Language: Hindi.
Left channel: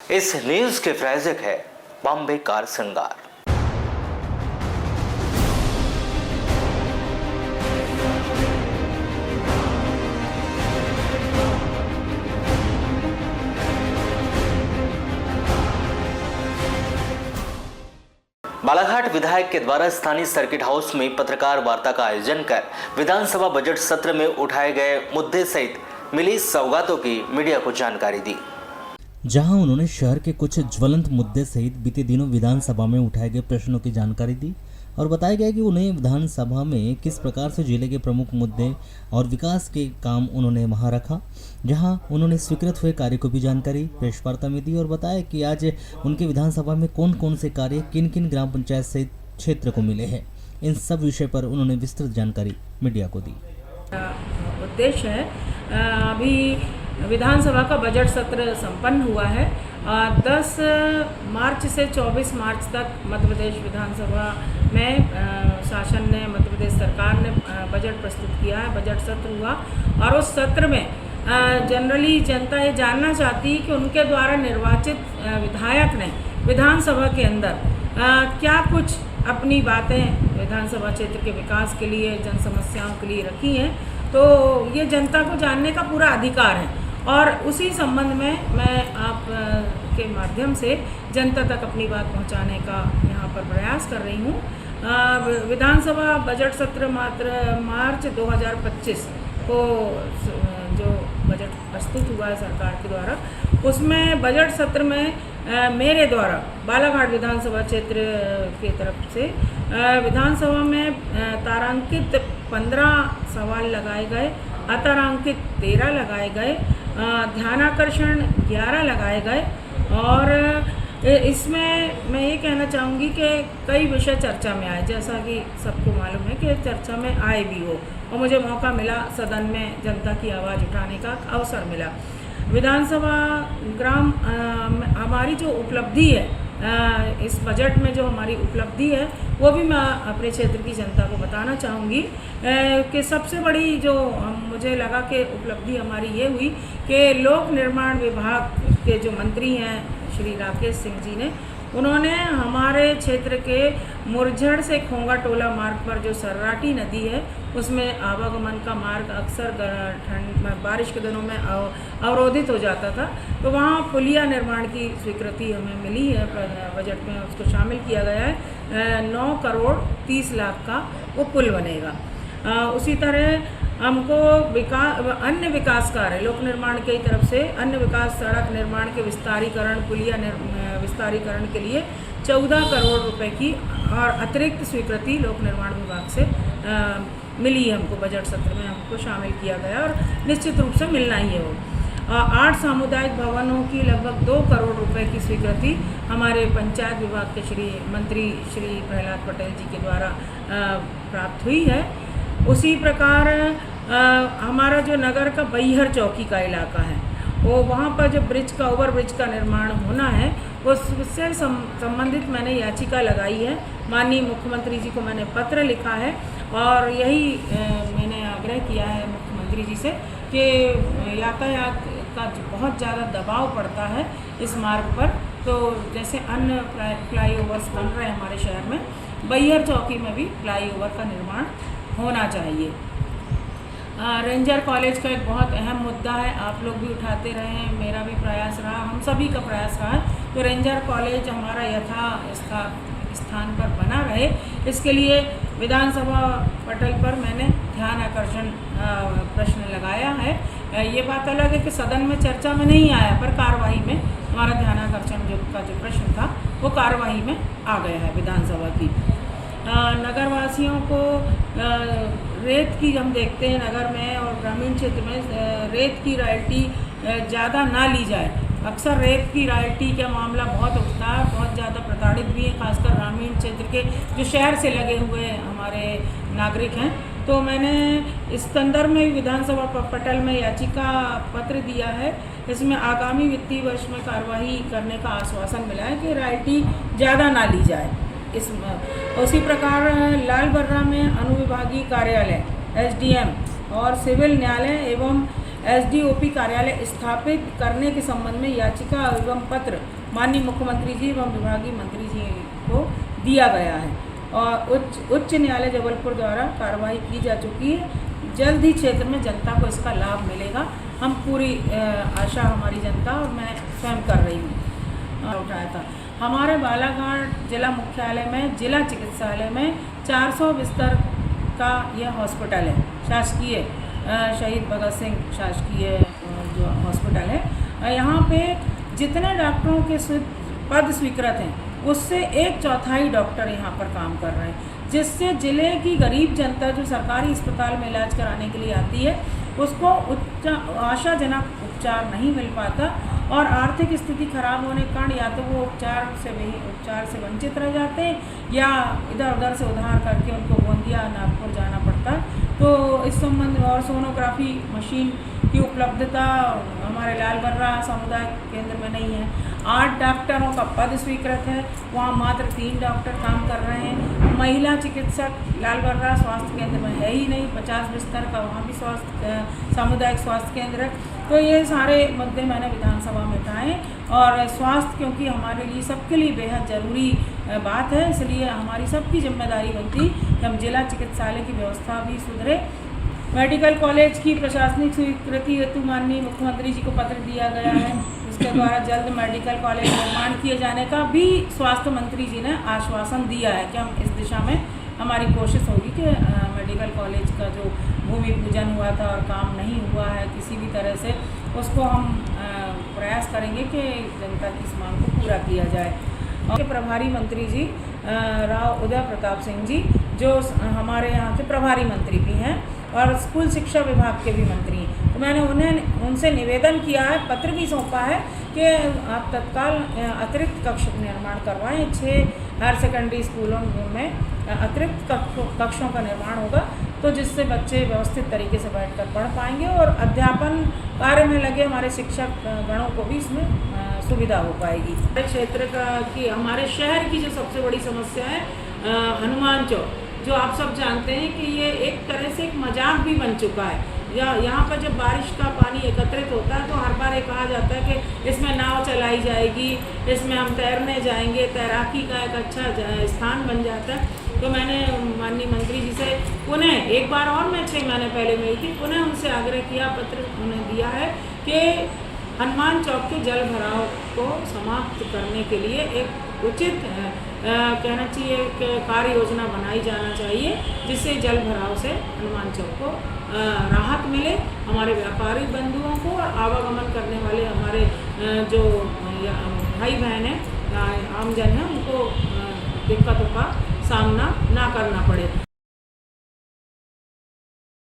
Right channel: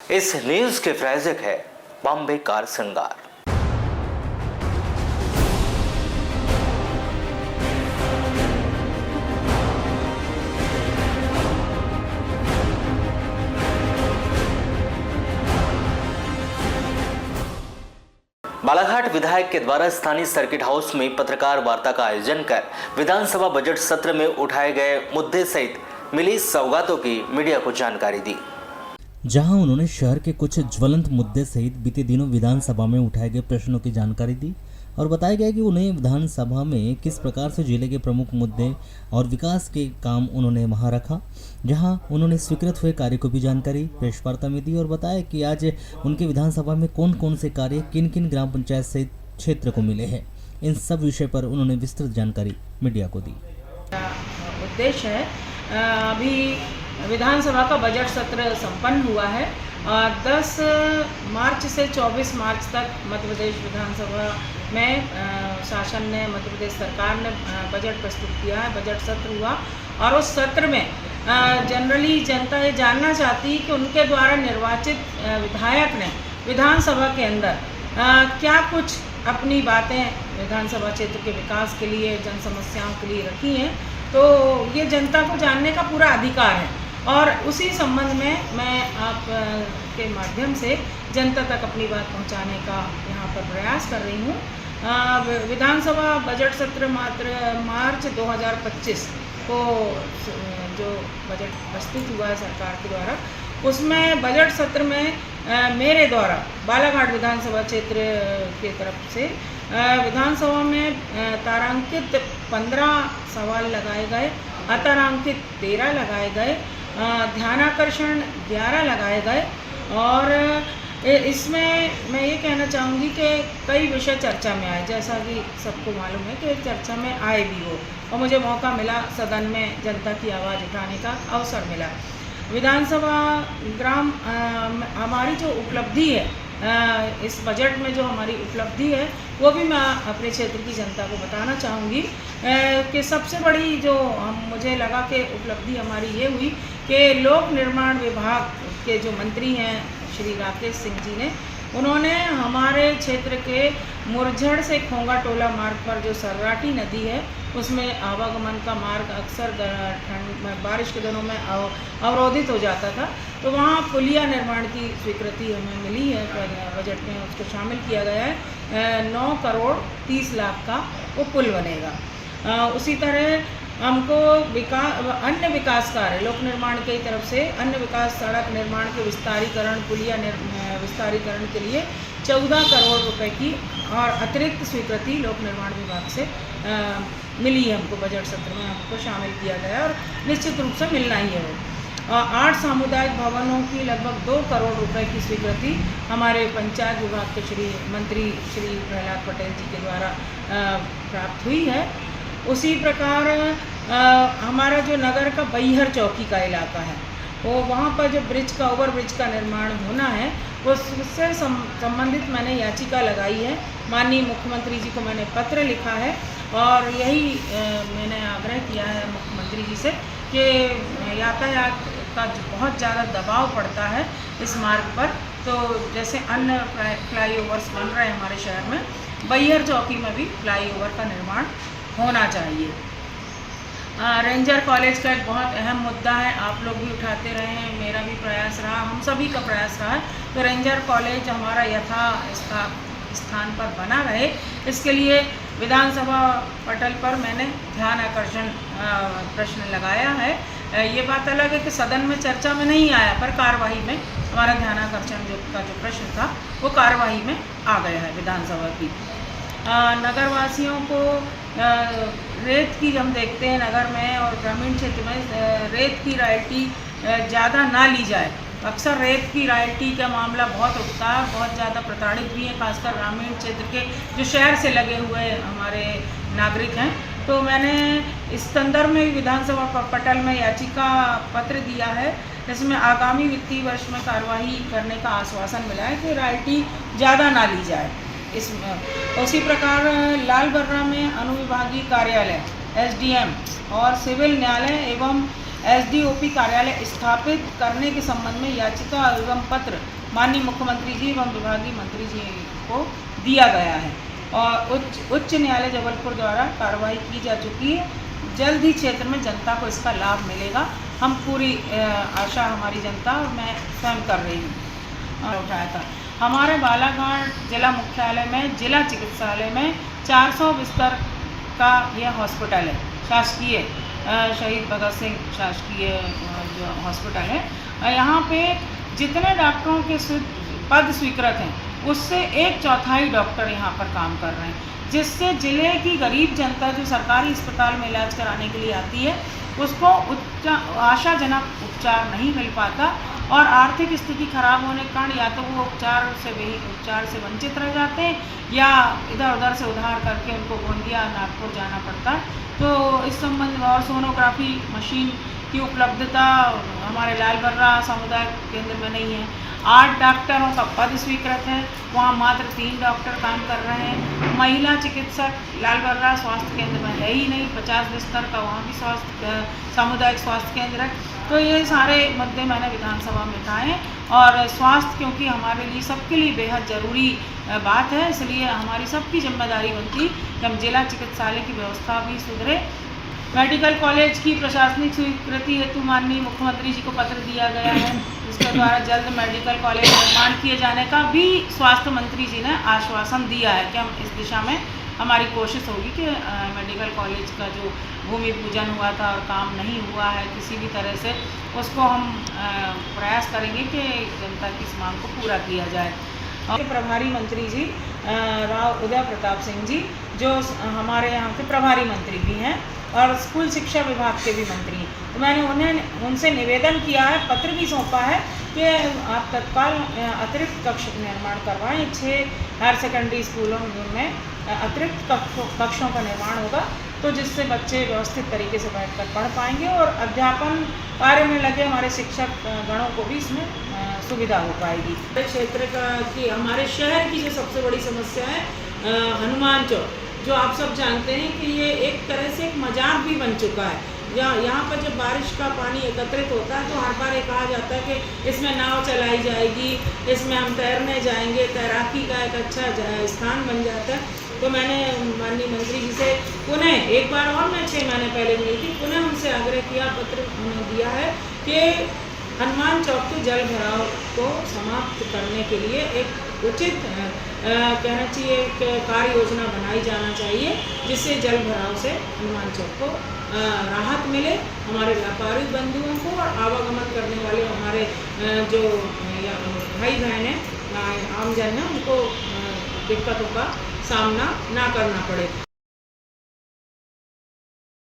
इस न्यूज के प्रायोजक है बॉम्बे कार श्रृंगार। बालाघाट विधायक के द्वारा स्थानीय सर्किट हाउस में पत्रकार वार्ता का आयोजन कर विधानसभा बजट सत्र में उठाए गए मुद्दे सहित मिली सौगातों की मीडिया को जानकारी दी, जहां उन्होंने शहर के कुछ ज्वलंत मुद्दे सहित बीते दिनों विधानसभा में उठाए गए प्रश्नों की जानकारी दी और बताया गया कि उन्हें विधानसभा में किस प्रकार से जिले के प्रमुख मुद्दे और विकास के काम उन्होंने वहां रखा। जहां उन्होंने स्वीकृत हुए कार्य को भी जानकारी प्रेस वार्ता में दी और बताया कि आज उनके विधानसभा में कौन कौन से कार्य किन किन ग्राम पंचायत सहित क्षेत्र को मिले हैं। इन सब विषय पर उन्होंने विस्तृत जानकारी मीडिया को दी। उद्देश्य है, अभी विधानसभा का बजट सत्र संपन्न हुआ है। 10 मार्च से 24 मार्च तक मध्य प्रदेश विधानसभा में शासन ने, मध्य प्रदेश सरकार ने बजट प्रस्तुत किया है, बजट सत्र हुआ और उस सत्र में जनरली जनता ये जानना चाहती है कि उनके द्वारा निर्वाचित विधायक ने विधानसभा के अंदर क्या कुछ अपनी बातें विधानसभा क्षेत्र के विकास के लिए, जन समस्याओं के लिए रखी हैं। तो ये जनता को जानने का पूरा अधिकार है और उसी संबंध में मैं आप के माध्यम से जनता तक अपनी बात पहुंचाने का यहाँ पर प्रयास कर रही हूँ। विधानसभा बजट सत्र मार्च 2025 को जो बजट प्रस्तुत हुआ है सरकार के द्वारा, उसमें बजट सत्र में मेरे द्वारा बालाघाट विधानसभा क्षेत्र की तरफ से विधानसभा में तारांकित 15 सवाल लगाए गए, अतारांकित 13 लगाए गए, ध्यानाकर्षण 11 लगाए गए और इसमें मैं ये कहना चाहूँगी कि कई विषय चर्चा में आए, जैसा कि सबको मालूम है कि चर्चा में आए भी हो और मुझे मौका मिला सदन में जनता की आवाज़ उठाने का अवसर मिला। विधानसभा ग्राम हमारी जो उपलब्धि है, इस बजट में जो हमारी उपलब्धि है वो भी मैं अपने क्षेत्र की जनता को बताना चाहूँगी कि सबसे बड़ी जो मुझे लगा कि उपलब्धि हमारी ये हुई कि लोक निर्माण विभाग के जो मंत्री हैं श्री राकेश सिंह जी ने, उन्होंने हमारे क्षेत्र के मुरझड़ से खोंगा टोला मार्ग पर जो सर्राटी नदी है उसमें आवागमन का मार्ग अक्सर बारिश के दिनों में अवरोधित हो जाता था, तो वहाँ पुलिया निर्माण की स्वीकृति हमें मिली है। बजट में उसको शामिल किया गया है। 9 करोड़ 30 लाख का वो पुल बनेगा। उसी तरह हमको अन्य विकास कार्य लोक निर्माण की तरफ से अन्य विकास, सड़क निर्माण के विस्तारीकरण, पुलिया विस्तारीकरण के लिए 14 करोड़ रुपए की और अतिरिक्त स्वीकृति लोक निर्माण विभाग से मिली है। हमको बजट सत्र में हमको शामिल किया गया और निश्चित रूप से मिलना ही है वो। 8 सामुदायिक भवनों की लगभग 2 करोड़ रुपए की स्वीकृति हमारे पंचायत विभाग के मंत्री श्री प्रहलाद पटेल जी के द्वारा प्राप्त हुई है। उसी प्रकार हमारा जो नगर का बैहर चौकी का इलाका है, वो वहाँ पर जो ओवर ब्रिज का निर्माण होना है, उससे संबंधित मैंने याचिका लगाई है। माननीय मुख्यमंत्री जी को मैंने पत्र लिखा है और यही मैंने आग्रह किया है मुख्यमंत्री जी से कि यातायात का बहुत ज़्यादा दबाव पड़ता है इस मार्ग पर, तो जैसे अन्य फ्लाईओवर्स बन रहे हैं हमारे शहर में, बैहर चौकी में भी फ्लाईओवर का निर्माण होना चाहिए। रेंजर कॉलेज का एक बहुत अहम मुद्दा है, आप लोग भी उठाते रहे हैं, मेरा भी प्रयास रहा, हम सभी का प्रयास रहा है तो रेंजर कॉलेज हमारा स्थान पर बना रहे। इसके लिए विधानसभा पटल पर मैंने ध्यान आकर्षण प्रश्न लगाया है। ये बात अलग है कि सदन में चर्चा में नहीं आया, पर कार्यवाही में हमारा ध्यान आकर्षण जो प्रश्न था वो कार्यवाही में आ गया है विधानसभा की। नगरवासियों को रेत की, हम देखते हैं नगर में और ग्रामीण क्षेत्र में रेत की रॉयल्टी ज़्यादा ना ली जाए। अक्सर रेत की रॉयल्टी का मामला बहुत उठता है, बहुत ज़्यादा प्रताड़ित भी हैं, खासकर ग्रामीण क्षेत्र के जो शहर से लगे हुए हमारे नागरिक हैं। तो मैंने इस संदर्भ में विधानसभा पटल में याचिका पत्र दिया है। इसमें आगामी वित्तीय वर्ष में कार्यवाही करने का आश्वासन मिला है कि रॉयल्टी ज़्यादा ना ली जाए। इसमें उसी प्रकार लाल बर्रा में अनुविभागीय कार्यालय, SDM और सिविल न्यायालय एवं एसडीओपी कार्यालय स्थापित करने के संबंध में याचिका एवं पत्र माननीय मुख्यमंत्री जी एवं विभागीय मंत्री जी को दिया गया है और उच्च न्यायालय जबलपुर द्वारा कार्रवाई की जा चुकी है। जल्द ही क्षेत्र में जनता को इसका लाभ मिलेगा, हम पूरी आशा हमारी जनता और मैं स्वयं कर रही हूँ। उठाया था हमारे बालाघाट जिला मुख्यालय में जिला चिकित्सालय में 400 बिस्तर का यह हॉस्पिटल है, शासकीय शहीद भगत सिंह शासकीय जो हॉस्पिटल है। यहाँ पे जितने डॉक्टरों के पद स्वीकृत हैं उससे 1/4 डॉक्टर यहाँ पर काम कर रहे हैं, जिससे ज़िले की गरीब जनता जो सरकारी अस्पताल में इलाज कराने के लिए आती है उसको आशाजनक उपचार नहीं मिल पाता और आर्थिक स्थिति खराब होने के कारण या तो वो उपचार से वंचित रह जाते हैं या इधर उधर से उधार करके उनको गोंदिया नागपुर जाना पड़ता है। तो इस संबंध में और सोनोग्राफी मशीन की उपलब्धता हमारे लाल बर्रा समुदाय केंद्र में नहीं है। 8 डॉक्टरों का पद स्वीकृत है, वहाँ मात्र 3 डॉक्टर काम कर रहे हैं। महिला चिकित्सक लाल बर्रा स्वास्थ्य केंद्र में है ही नहीं, 50 बिस्तर का वहाँ भी सामुदायिक स्वास्थ्य केंद्र है। तो ये सारे मुद्दे मैंने विधानसभा में उठाए और स्वास्थ्य क्योंकि हमारे लिए सबके लिए बेहद ज़रूरी बात है, इसलिए हमारी सबकी जिम्मेदारी बनती कि हम जिला चिकित्सालय की व्यवस्था भी सुधरे। मेडिकल कॉलेज की प्रशासनिक स्वीकृति हेतु माननीय मुख्यमंत्री जी को पत्र दिया गया है, इसके द्वारा जल्द मेडिकल कॉलेज निर्माण किए जाने का भी स्वास्थ्य मंत्री जी ने आश्वासन दिया है कि हम इस दिशा में हमारी कोशिश होगी कि मेडिकल कॉलेज का जो भूमि पूजन हुआ था और काम नहीं हुआ है किसी भी तरह से, उसको हम प्रयास करेंगे कि जनता की इस मांग को पूरा किया जाए। और प्रभारी मंत्री जी राव उदय प्रताप सिंह जी जो हमारे यहाँ के प्रभारी मंत्री भी हैं और स्कूल शिक्षा विभाग के भी मंत्री हैं, तो मैंने उनसे निवेदन किया है, पत्र भी सौंपा है कि आप तत्काल अतिरिक्त कक्ष निर्माण करवाएं। 6 हायर सेकेंडरी स्कूलों में अतिरिक्त कक्षों का निर्माण होगा तो जिससे बच्चे व्यवस्थित तरीके से बैठकर पढ़ पाएंगे और अध्यापन कार्य में लगे हमारे शिक्षक गणों को भी इसमें सुविधा हो पाएगी। क्षेत्र का कि हमारे शहर की जो सबसे बड़ी समस्या है हनुमान चौक, जो आप सब जानते हैं कि ये एक तरह से एक मजाक भी बन चुका है। यहाँ पर जब बारिश का पानी एकत्रित होता है तो हर बार ये कहा जाता है कि इसमें नाव चलाई जाएगी, इसमें हम तैरने जाएंगे, तैराकी का एक अच्छा स्थान बन जाता है। तो मैंने माननीय मंत्री जी से पुनः एक बार और मैं 6 महीने पहले मिली थी, पुनः उनसे आग्रह किया, पत्र उन्हें दिया है कि हनुमान चौक के जल भराव को समाप्त करने के लिए एक उचित कहना चाहिए कि कार्य योजना बनाई जाना चाहिए जिससे जल भराव से हनुमान चौक को राहत मिले, हमारे व्यापारी बंधुओं को और आवागमन करने वाले हमारे जो भाई बहन हैं आमजन हैं उनको दिक्कतों का सामना ना करना पड़े।